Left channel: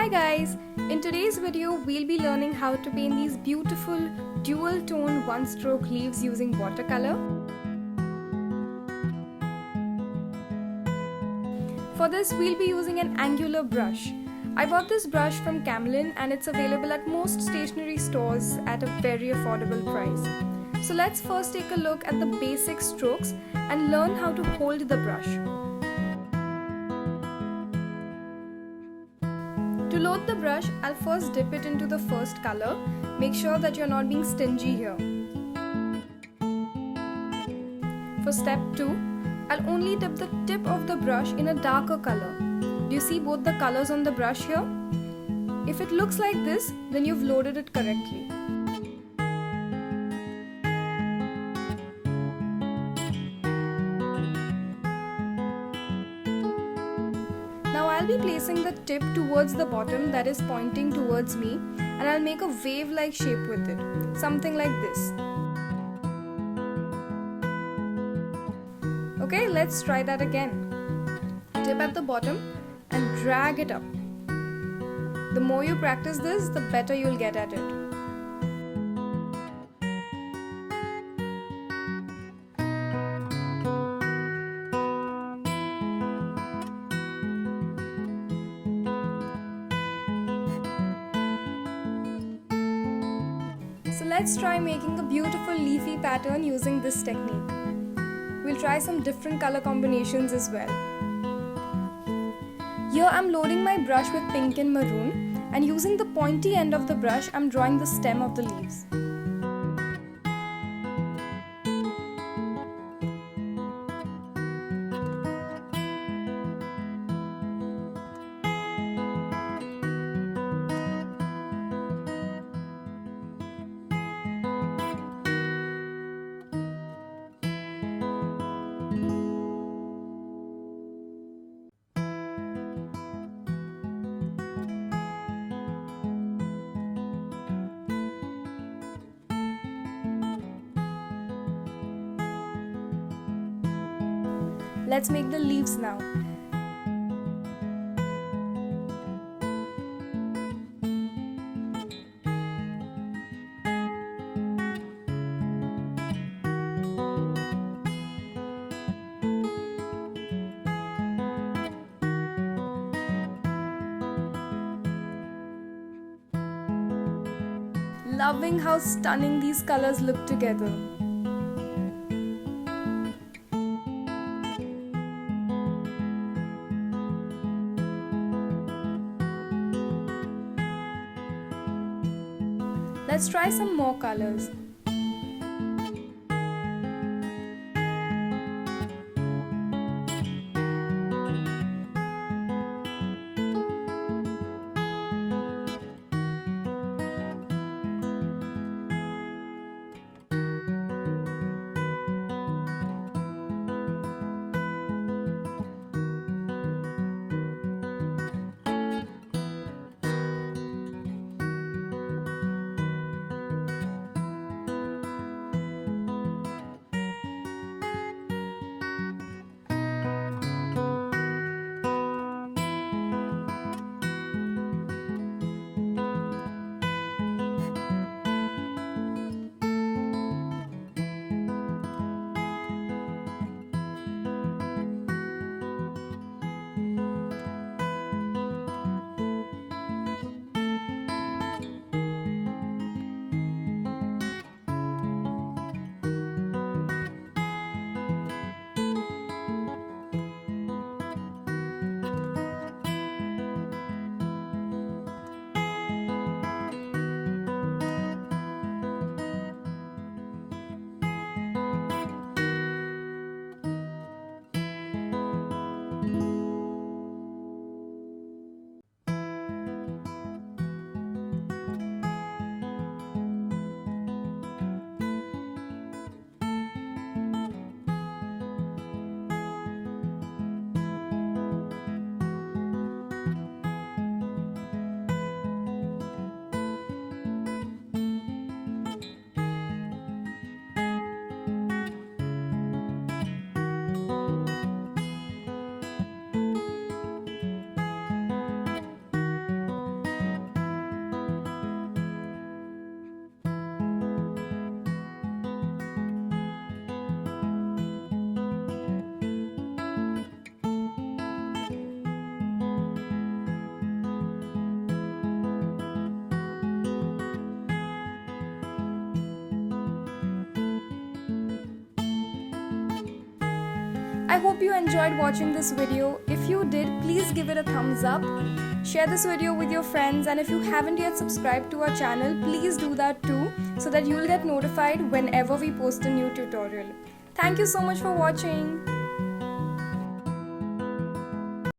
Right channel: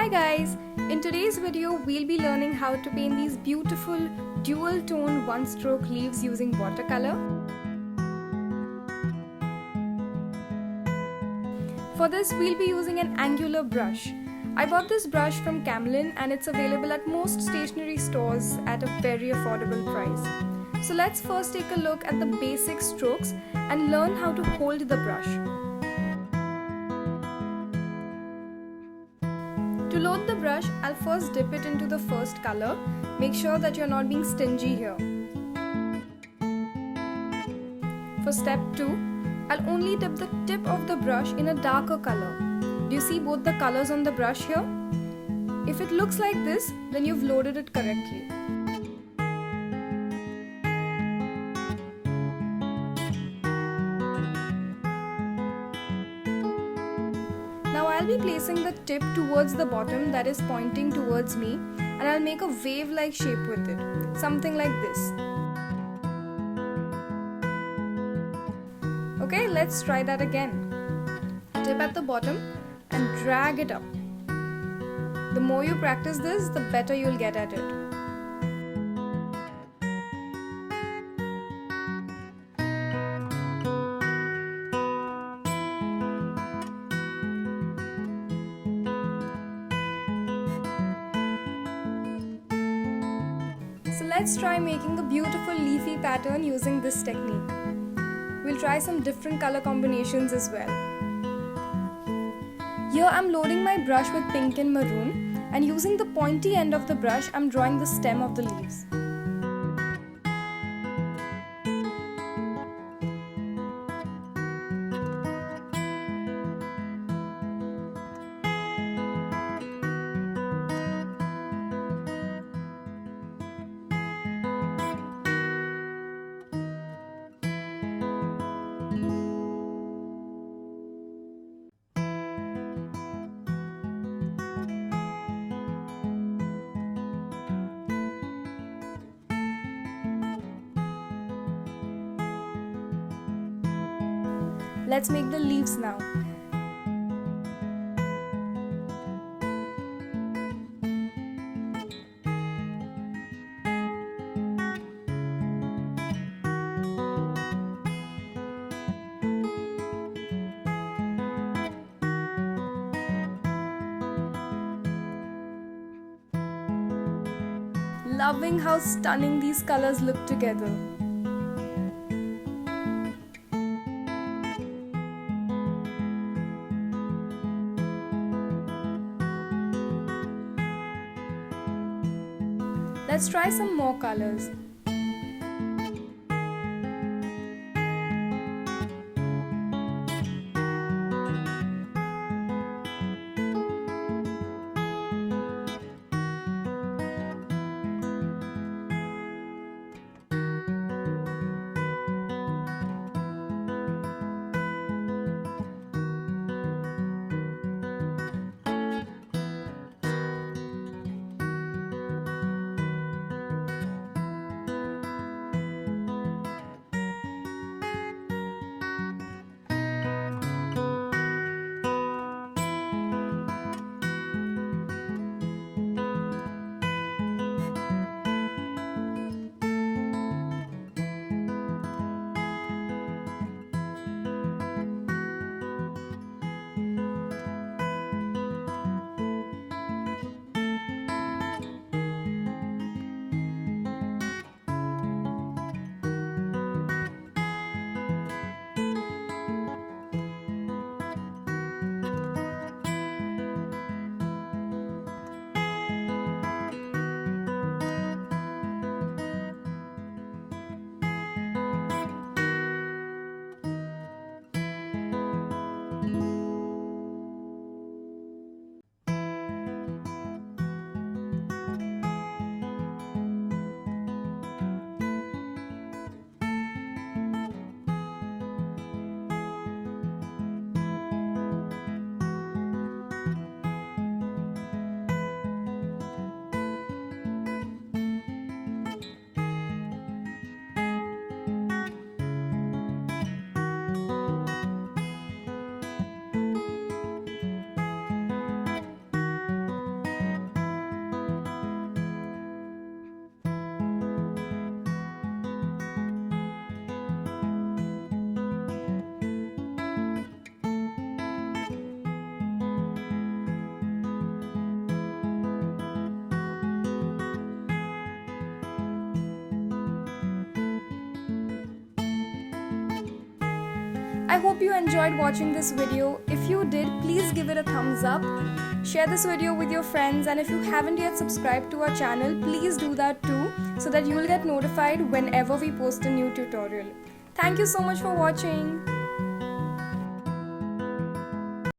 Hi guys! In today's video, we'll be learning how to paint these beautiful dual tone one stroke leaves using watercolor. For this, we'll be using an angular brush. I bought this brush from Camlin and it's available at most stationery stores at a very affordable price. So let's first take a look at the basic strokes and learn how to hold the brush. To load the brush, I'll first dip it into the first color. Make sure that you're not being stingy here. For step 2, I'll only dip the tip of the brush in a darker color. Do you see both the colors on the brush here? If it looks like this, then you've loaded it correctly. Now I'll be placing the tip towards the bottom, that is pointing towards me, and I'll make a wave-like shape with it, something like this. Okay, let's try that again. Tip at the bottom and drag it up. The more you practice this, the better you'll get at it. So let's try making a beautiful leafy pattern using this technique. We'll try some different color combinations as well. Here I'm loading my brush with pink and maroon, and using the pointy end of the brush I'm drawing the stem of the leaves. Let's make the leaves now. Loving how stunning these colors look together. Let's try some more colors. I hope you enjoyed watching this video. If you did, please give it a thumbs up. Share this video with your friends, and if you haven't yet subscribed to our channel, please do that too, so that you'll get notified whenever we post a new tutorial. Thank you so much for watching.